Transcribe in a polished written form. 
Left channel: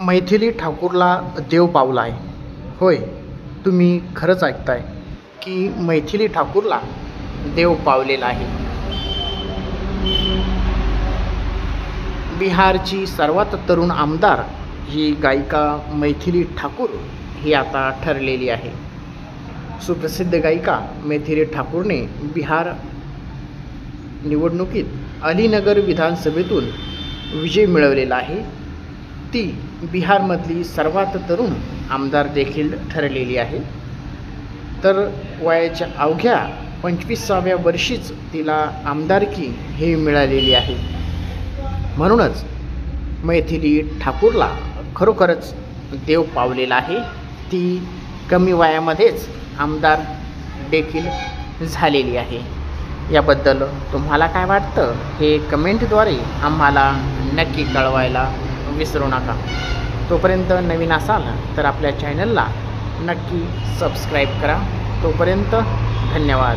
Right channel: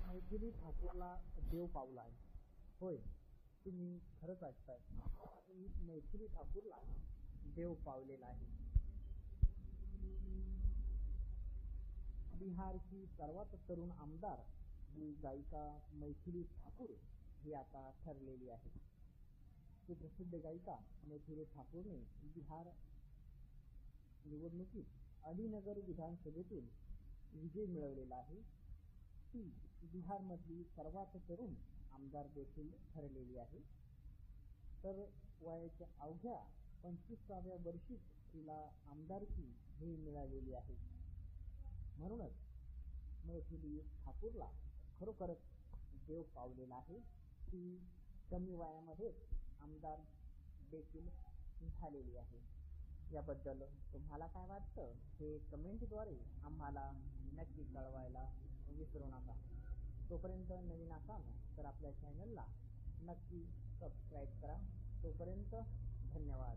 मैथिली ठाकूरला देव पावला आहे. होय, तुम्ही खरंच ऐकताय की मैथिली ठाकूरला देव पावलेला आहे. बिहारची सर्वात तरुण आमदार ही गायिका मैथिली ठाकूर ही आता ठरलेली आहे. सुप्रसिद्ध गायिका मैथिली ठाकूरने बिहार निवडणुकीत अलीनगर विधानसभेतून विजय मिळवलेला आहे. ती बिहारमधली सर्वात तरुण आमदार देखील ठरलेली आहे. तर वयाच्या अवघ्या 25व्या वर्षीच तिला आमदारकी हे मिळालेली आहे. म्हणूनच मैथिली ठाकूरला खरोखरच देव पावलेला आहे. ती कमी वयामध्येच आमदार देखील झालेली आहे. याबद्दल तुम्हाला काय वाटतं हे कमेंटद्वारे आम्हाला नक्की कळवायला विसरू नका. तोपर्यंत नवीन असाल तर आपल्या चॅनलला नक्की सबस्क्राईब करा. तोपर्यंत धन्यवाद.